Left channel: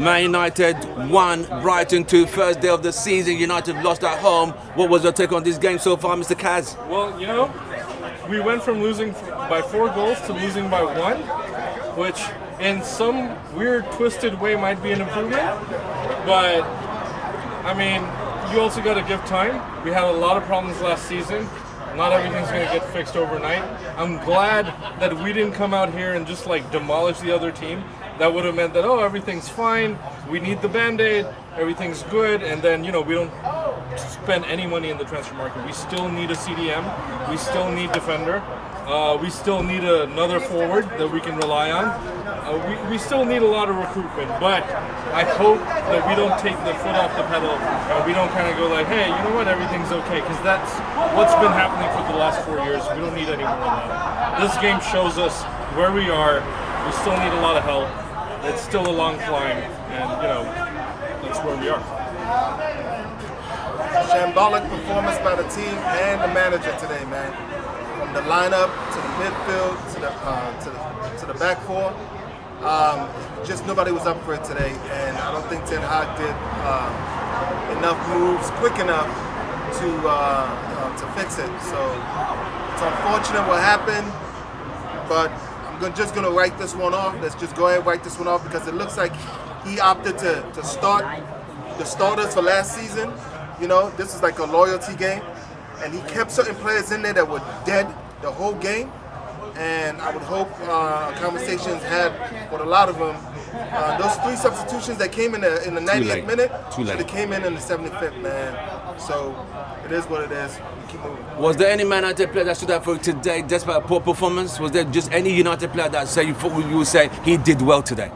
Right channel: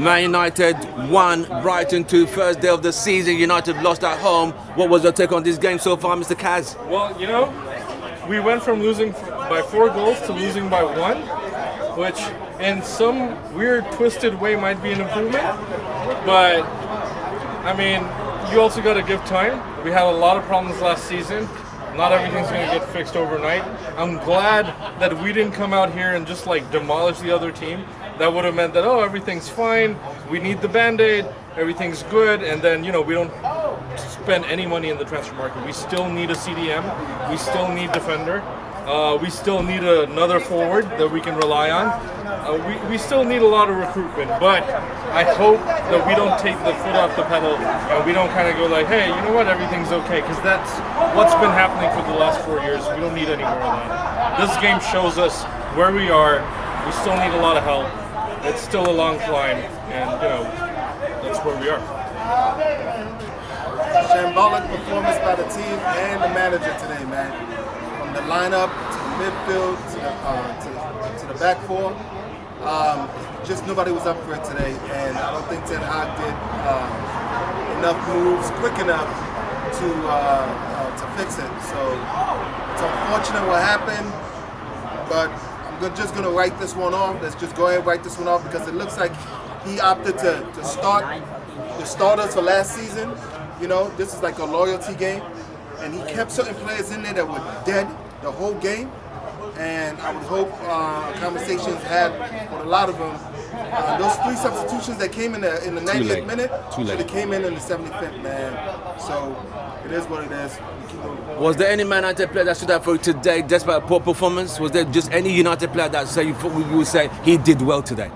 Man United 1, Brighton 2, first day of the season. United lost at home. What was your take on this game so far, Mr. Kaz? Well, we went from losing by 4 goals to losing by 1, which in some weird, twisted way might be an improvement. But, I mean, you also got to give time. We had a lot of problems last season. Not everything's going to get fixed overnight. I'm glad that we didn't come out here and just demolish the other team. That would have meant that, everything's fine, we need the Band-Aid, everything's good, and then, we don't spend any money in the transfer market. We still need a CDM, we still need defender, we still need another forward that we can rely on. We still need a lot of recruitment, but I hope that we don't take the foot off the pedal and we don't kind of go like, hey, you know what, everything's okay, because that's what's been happening for the last 4 years. We don't need any more of that. This game shows us where we are. We still need a lot of help. It's still a long climb, and that's where we are. Shambolic performance by the team and the manager today, man. From the lineup to the midfield to the back four, just nobody was up for it today, and I don't think Ten Hag did enough moves quick enough to fix it. So it's unfortunate what happened, but I'm just going to write this one off. Let's just go ahead and write this one off because it looks like he opted to start the starters for last season. This is like a loyalty game. And he kept certain players in there that were dead the whole game. And I would hope conversations had with a lot of them. Those 3 substitutions that came in the 90th minute, they came in the 75th, man. So it is what it is. Keep moving. Was there any Man United player that stood out for you today despite a poor performance? Was there just any United player that you would say he did well today?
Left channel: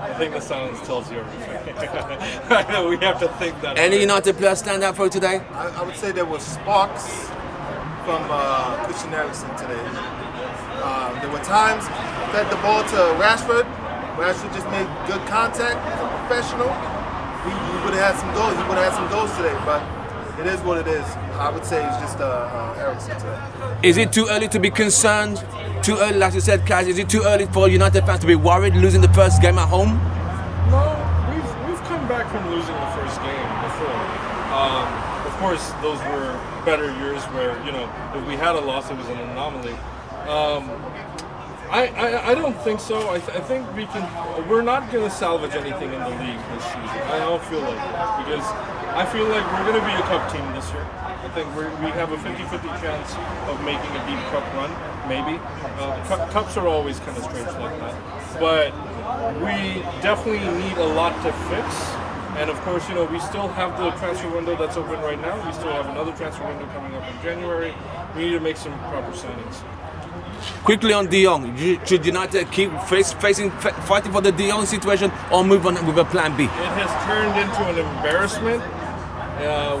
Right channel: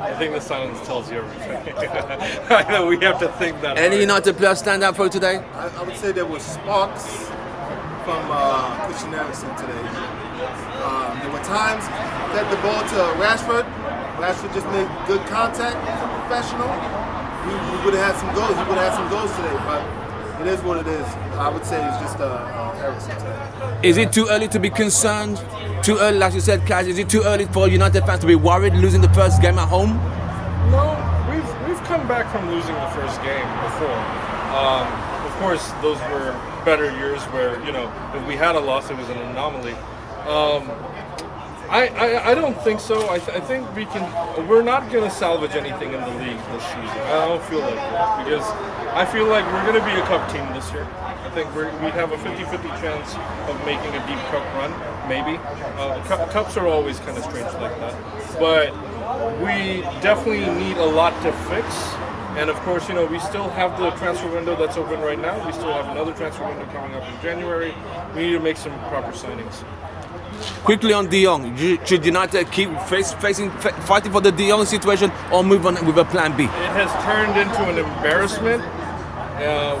I think the silence tells you everything. I know we have to think that. Any United player stand out for you today? I would say there was sparks from Christian Eriksen today. There were times that the ball to Rashford. Rashford just made good contact. He's a professional. We would have had some goals. He would have had some goals today, but it is what it is. I would say it's just Eriksen today. Is it too early to be concerned? Too early, like you said, Kaz. Is it too early for United fans to be worried losing the first game at home? No, we've come back from losing the first game before. Of course, those were better years where if we had a loss, it was an anomaly. I don't think so. I think we're not going to salvage anything in the league this season. I don't feel like it because I feel like we're going to be a cup team this year. I think we have a 50-50 chance of making a deep cup run, maybe. Cups are always kind of strange like that. But we definitely need a lot to fix. And of course, we still have the transfer window that's open right now. We still have another transfer window coming up in January. We need to make some proper signings. Quickly on De Jong, should United keep fighting for the De Jong situation or move on with a plan B? It has turned into an embarrassment.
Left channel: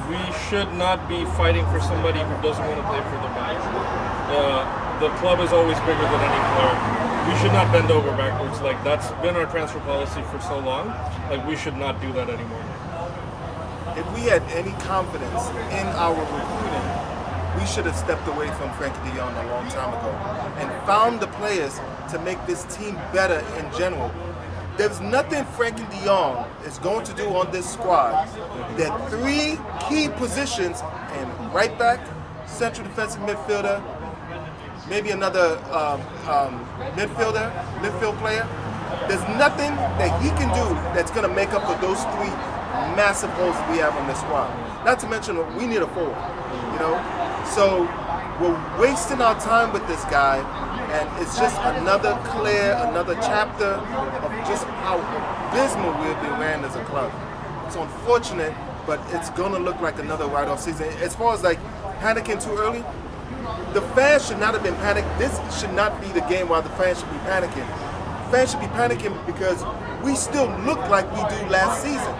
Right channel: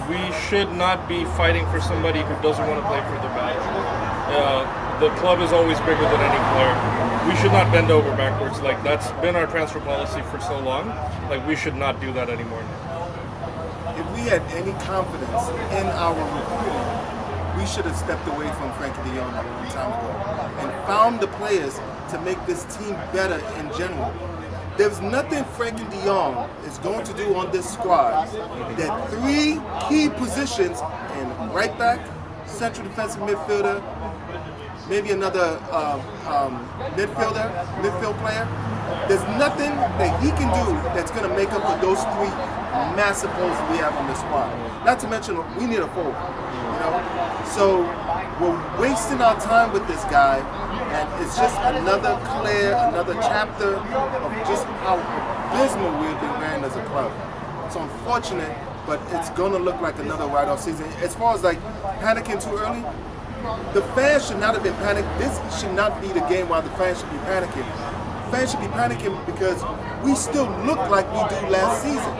We should not be fighting for somebody who doesn't want to play for the badge. The club is always bigger than any player. We should not bend over backwards. That's been our transfer policy for so long. We should not do that anymore. If we had any confidence in our recruiting, we should have stepped away from Frankie de Jong a long time ago and found the players to make this team better in general. There's nothing Frankie de Jong is going to do on this squad that 3 key positions in right back, central defensive midfielder, maybe another midfield player. There's nothing that he can do that's going to make up for those 3 massive holes we have on this squad. Not to mention we need a forward, So we're wasting our time with this guy, and it's just another chapter of just how abysmal we've been wearing as a club. It's unfortunate, but it's gonna look like another write-off season. As far as panicking too early, the fans should not have been panicking. This should not be the game while the fans should be panicking. Fans should be panicking because we still look like we do last season.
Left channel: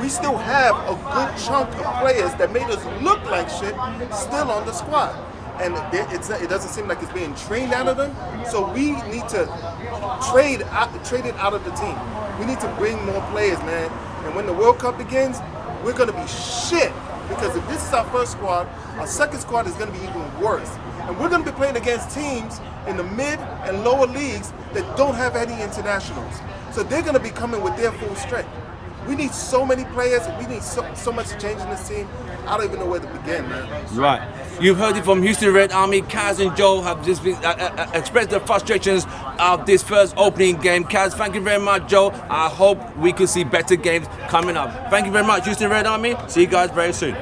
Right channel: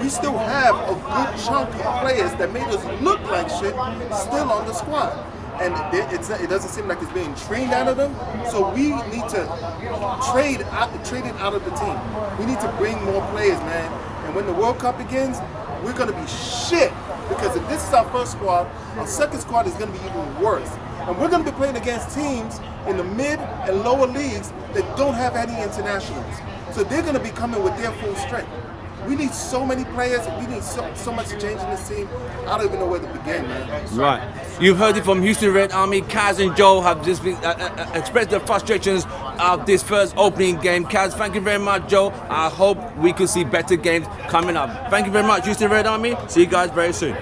We still have a good chunk of players that made us look like shit still on the squad. And it doesn't seem like it's being trained out of them. So we need to trade it out of the team. We need to bring more players, man. And when the World Cup begins, we're going to be shit. Because if this is our first squad, our second squad is going to be even worse. And we're going to be playing against teams in the mid and lower leagues that don't have any internationals. So they're going to be coming with their full strength. We need so many players, and we need so much to change in this team. I don't even know where to begin, man. Right. You've heard it from Houston Red Army. Kaz and Joe have just been, expressed their frustrations of this first opening game. Kaz, thank you very much, Joe. I hope we could see better games coming up. Thank you very much, Houston Red Army. See you guys very soon.